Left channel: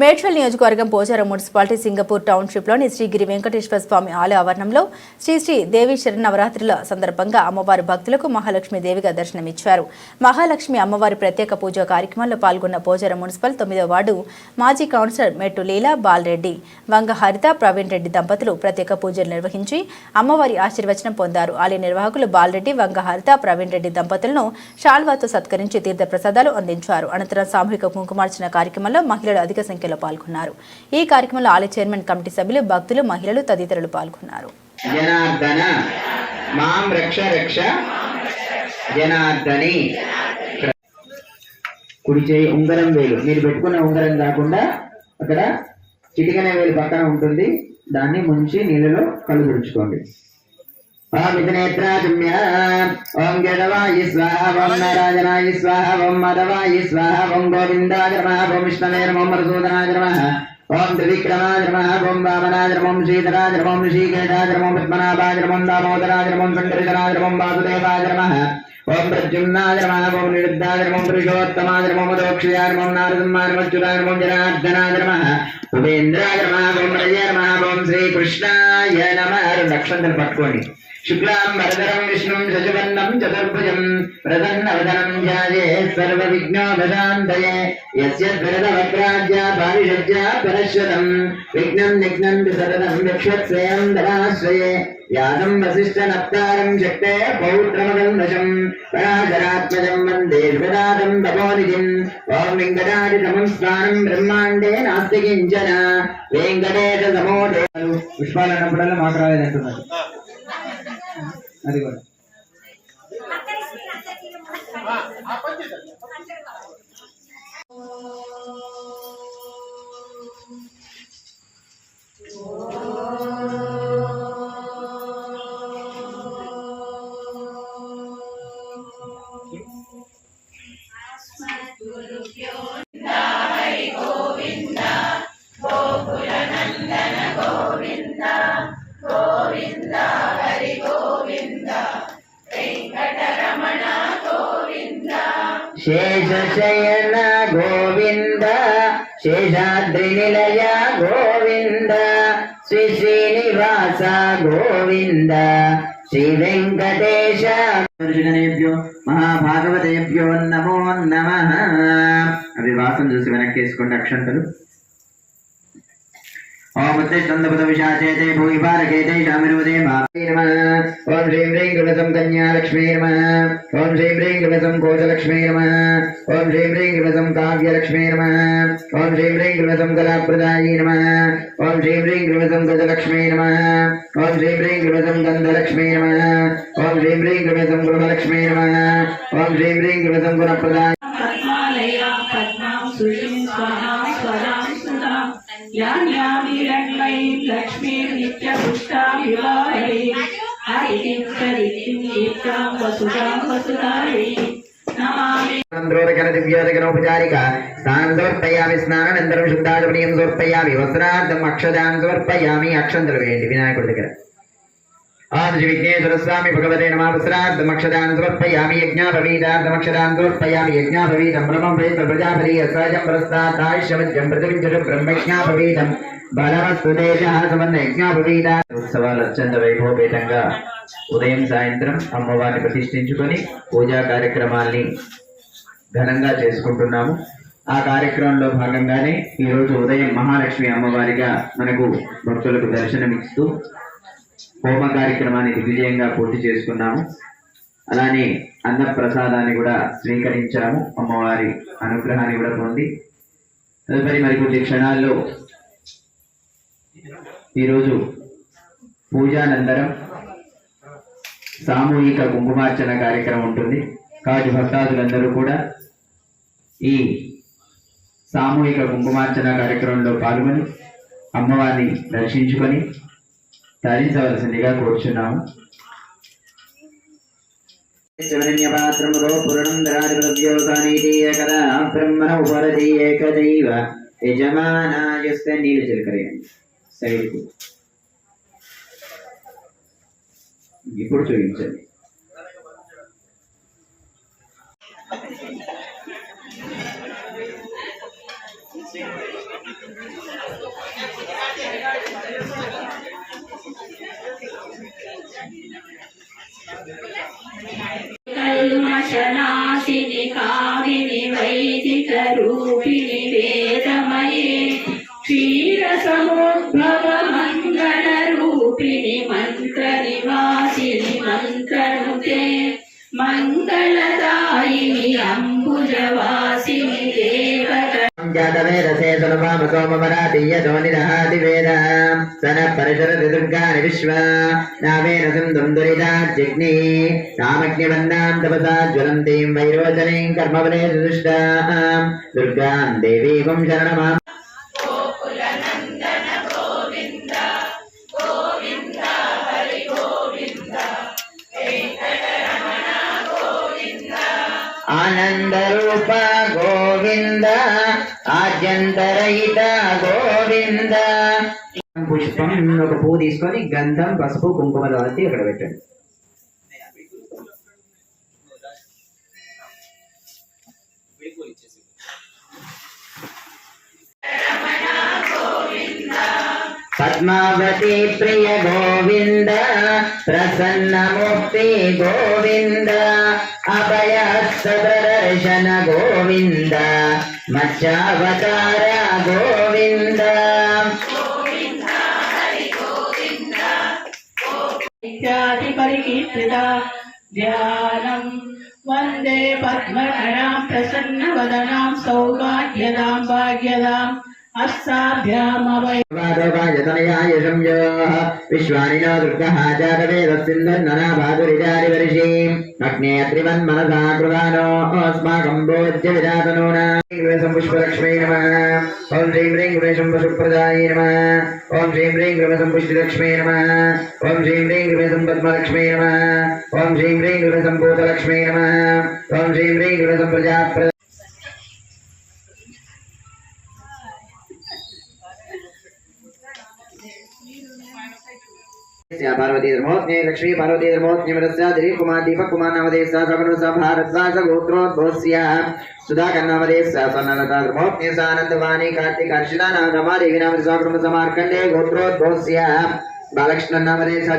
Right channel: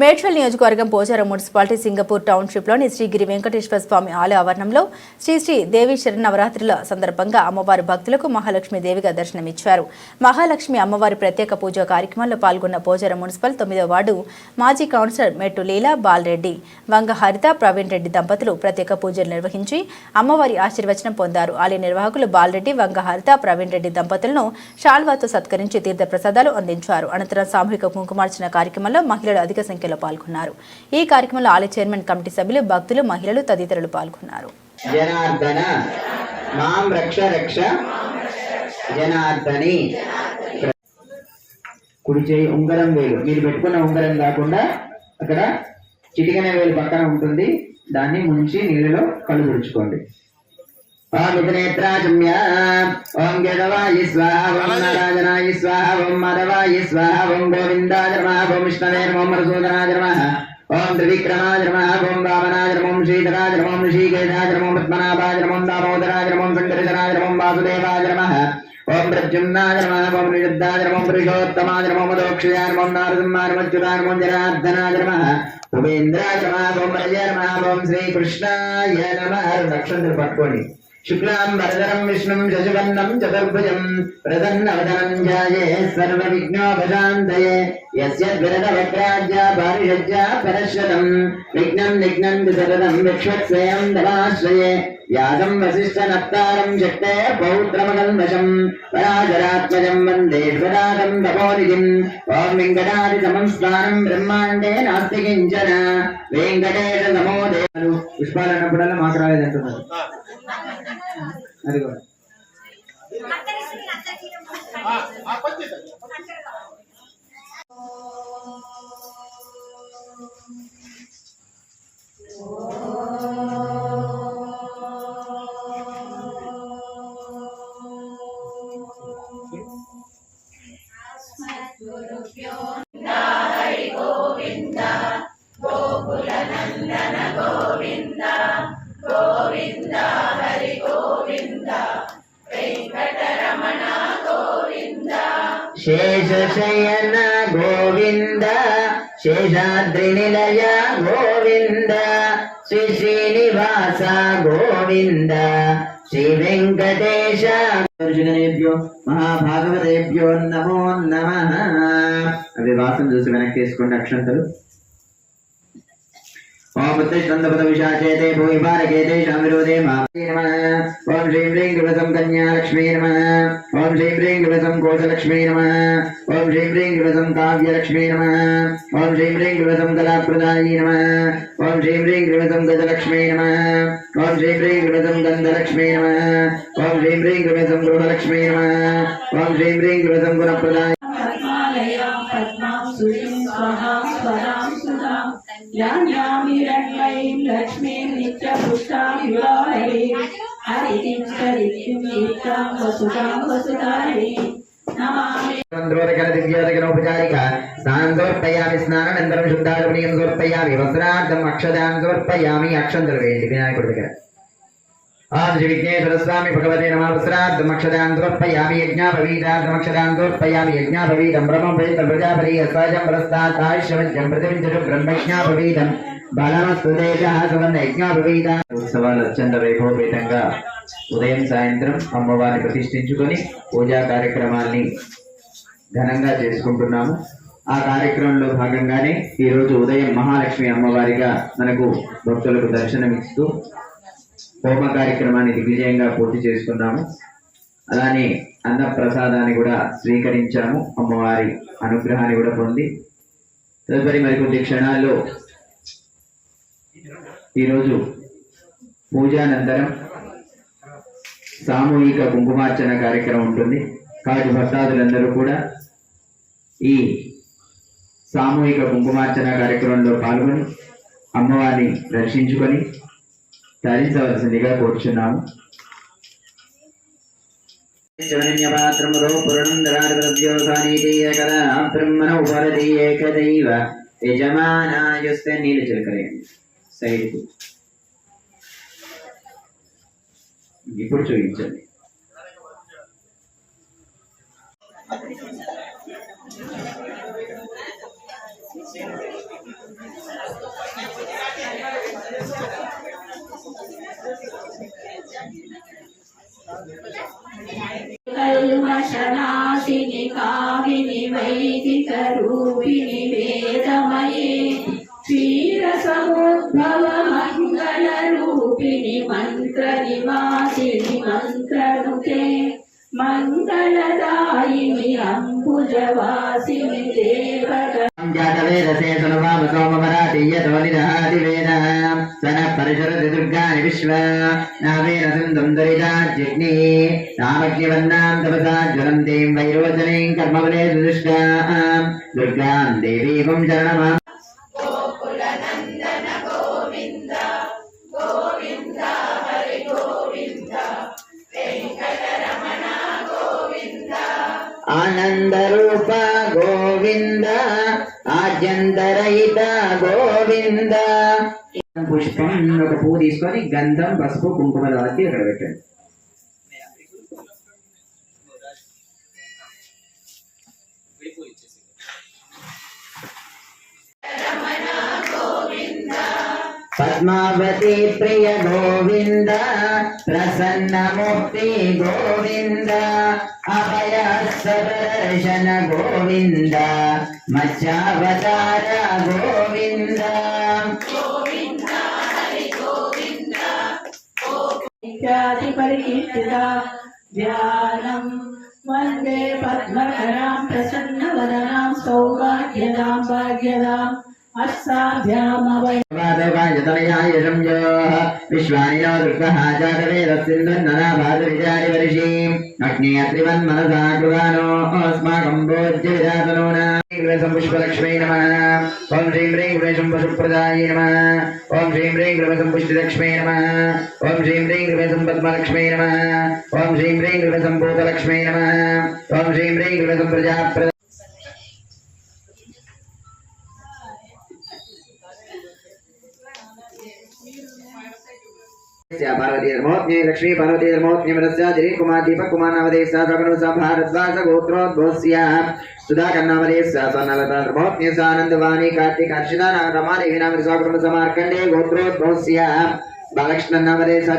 మేడ్చల్ నియోజకవర్గం Pocharam municipality Singapore టౌన్షిప్లోని శ్రీగిరి వెంకటేశ్వర స్వామి ఆలయ ఆవరణంలో శ్రీ శ్రీ దేవి శరణవరాత్రుల సందర్భంగా అమ్మవారి భక్తులకు మహాలక్ష్మి దేవిగా దర్శనమిచ్చారు. మహాలక్ష్మి అమ్మవారి ప్రత్యేక పూజా కార్యక్రమంలో పాల్గొన్న పోచారం మున్సిపల్ తొమ్మిదో వార్డు మాజీ కౌన్సిలర్ మెట్టు లీలా బాలరెడ్డి వంగ హరిత ప్రవీణ్ రెడ్డి దంపతులు ప్రత్యేక పూజలు నిర్వహించి అమ్మవారి ఆశీర్వచనం పొందారు. ఆలయ నిర్వాహకులు బాలరెడ్డి వంగ హరిత ప్రవీణ్ రెడ్డి దంపతులను షాల్వాతో సత్కరించి తీర్థ ప్రసాదాలు అందించారు. అనంతరం సామూహిక కుంకుమార్చన కార్యక్రమంలో మహిళలు అధిక సంఖ్య సంఖ్యలో పాల్గొన్నారు. ఈ కార్యక్రమంలో ఆలయ చైర్మన్ కమిటీ సభ్యులు భక్తులు మహిళలు తదితరులు పాల్గొన్నారు. జనార్దన మాం రక్ష రక్ష జనార్దని. కుడి చేయి ఉంగరం వేలు. మీరు పెట్టుకున్న ఉంగరం కాకుండా అక్కడ చిటికనే వేలు పక్కన ఉంటుంది. దాన్ని ముంచి నీళ్ళలో కళ్ళు ఓం విఘ్నేత్రాజమ్య ఓం గదవాయి స్వాహ ఓం నారాయణాయ స్వాహ ఓం మదవాయి స్వాహ ఓం గోవిందాయ నమః ఓం విష్ణవే నమః ఓం మధుసూదనాయ నమః ఓం త్రివిక్రమాయ నమః ఓం వామనాయ నమః ఓం శ్రీధరాయ నమః ఓం ఋషికేశాయ నమః పద్మనాభాయ నమః దామోదరాయ నమః ఓం సంకర్షణాయ నమః ఓం వాసుదేవాయ నమః ఓం ప్రద్యుమ్నాయ నమః ఓం నిరుద్ధాయ నమః ఓం పురుషోత్తమాయ నమః ఓం మదోక్షయాయ నమః ఓం నారసింహాయ నమః అచ్యుతాయ నమః ఓం జనార్దనాయ నమః ఉపేంద్రాయ నమః ఓం రజయ నమః ఓం శ్రీకృష్ణాయ నమః అక్షంతలు పట్టుకోండి शुक्लाम् वरदनम् विष्णुम् शशिवर्णम् चतुर्भुजम् प्रसन्नवदनम् ध्याये सर्वविघ्नोपशान्तये यस्य गरदवक्राज्या पारिषज्या परश्वतम् विघ्नम् निघ्नन्ति सततम् यक्षत्स्वयम् धनाश्रये यादम् वसिष्ठनप्तारम् शक्ते पौत्रमगन्वशम् पराशरात्मजम् वन्दे स्वदातम् तपोनिधिम् ॐ वेङ्कटादितमम् स्थानम् ब्रह्माण्डे नास्ति किञ्चन वेङ्कटेशसमो देव पुष्पालनपुडल माकराले Guru Pyo శేషశయన గోవింద శేషాద్రి నిలయ గోవింద శ్రీ శ్రీనివాస గోవింద శ్రీ వెంకటేశ గణేభ్యో మహాభాగవతేభ్యో నమో నమ అవి వాసన చూసి వెనక్కి వేసుకోండి అక్షంతలు. ఓం ఉత్తిష్టందపద విశాచేతే భూమి పారకేతే శామిరోదే మా నమః ఓం శ్రీం गणसं कन्यालक्ष्मी नमः ॐ श्रीं ह्रीं गणसं कोशलक्ष्मी नमः ॐ श्रीं ह्रीं गणसं काव्यलक्ष्मी नमः ॐ श्रीं ह्रीं गणसं कलाप्रदायी नमः ॐ श्रीं ह्रीं गणसं गजलक्ष्मी नमः ॐ श्रीं ह्रीं गणसं गन्धलक्ष्मी नमः ॐ श्रीं ह्रीं गणसं गृहलक्ष्मी नमः ॐ श्रीं ह्रीं गणसं गुणप्रदायी लक्ष्मी नित्य पुष्टा हरि స్నానం సమర్పయామి స్నానానంతరం శుద్ధాలుపణీయం సమర్పయామి. వస్త్రార్థం అక్షదాం సమర్పయామి. అక్షంద్రవేది వినాయకుడి దగ్గర. ఆది విఘ్నేశ్వర స్వామి భగవతే నమ. వస్త్రార్థం అక్షదాం సమర్పయామి. యజ్ఞాభవీదార్థం అక్షదాం సమర్పయామి. యజ్ఞాభవీదం బ్రహ్మం ప్రజాపతి సహజం ప్రస్థాతాయుష్యం ప్రతివించడం బ్రహ్మజ్ఞాభవీదం బ్రహ్మజ్ఞాపవీతం ఉత్సవాలు అత్యంత వైభవపేతంగా ఉదయం సాయంత్రం అమ్మవారిని ప్రతిష్ఠించుకొని పూజా కార్యక్రమాల్ని ఘనంగా చేసుకుంటున్నాము. ఆ కార్యక్రమంలో భాగంగానే ఈ రోజు ఉదయం మహాలక్ష్మి అమ్మవారిగా మనకు భక్తులకు దర్శనమిస్తూ హోమ కార్యక్రమాన్ని దిగ్విజయంగా పూర్తి చేసుకున్నాము. అలానే అన్న ప్రసాదాన్ని కూడా స్వీకరించాము. అమ్మవారి అనుగ్రహాన్ని కూడా పొంది తదుపరి మరికొద్ది క్షణాల్లో ఈరోజు పూజానంతరం సామూహిక కుంకుమార్చన కార్యక్రమం ఉంటుంది. కాబట్టి భక్తాదులందరూ కూడా ఈ సామూహిక కుంకుమార్చన కార్యక్రమంలో పాల్గొని అమ్మవారిని దర్శించుకొని తరించవలసిందిగా కోరుచున్నాము. పాత్రములో పురణందరాద్యోగానీతి ఏకదా బ్రహ్మణ ఏకదైవ యజమానాయుస్తే నీళ్ళు చిలకరేయండి సైడ్కు. ఇప్పుడు చూపించండి. కల్మశనాశిని కామిని వైదిక రూపిణి వేదమయే దేవత సన పరిశరతి దుర్గాని విశ్వ నామేన సుందం దరిదాజ్ఞి నామగ్నివన్నాం తపసా జ్వలంతీం వైరోచనీం కర్మవలే సుదుష్టాం దుర్గాం దేవీమం శరణమా ఆనందరూప గోవింద ఆద్యంతరహిత గోవింద. పుష్పం ఒక పువ్వు తీసుకొని గంధం పసుపు కుంకుమ రాసి అక్కడ పెట్టండి. పద్మావతి ప్రియ గోవింద ప్రసన్నమూర్తి గోవింద అభయస్తదర్శన గోవింద మత్స్యావతార గోవింద. ఇత్యాది పరికీర్తిత ధ్యానం. వందే పద్మకరాం ప్రసన్నవదనాం సౌభాగ్యదాం భాగ్యదాం. విశ్వానినా వృద్ధహాచారేరస్సిందన్నాభాధురిచారివర్షీం అగ్నేయత్రివన్ మనసాకృగానోస్మాకం భోజ్య విజాతనూనా సంపుష్పలక్ష్మీ నమ ఓం శ్రీం హ్రీం గృహం పశుప్రదాయ నమ ఓం శ్రీం హ్రీం గృహ సంపుష్టిలక్ష్మీ నమ ఓం శ్రీం హ్రీం గృహ సంపద్మలక్ష్మీ నమ ఓం శ్రీం హ్రీం గృహ సంభూతలక్ష్మీ నమ ఓం శ్రీం पार्वती धर्मोत्न्ये लक्ष्मी पार्वती धर्मोत्न्ये मदस्या दिलीप कुमार दीपक कुमार नामदेव सा जगन सा भारद्वाज गोत्रोद्भवस्य सुधाकर नामदेव सा सनलता धर्मोत्न्ये सा आनंदवाणी कार्तिक हर्षिता नाम रमा देवी नाम स्वाक्रम समार्कंडे गोत्रोद्भवस्य बालकृष्ण नामदेव सा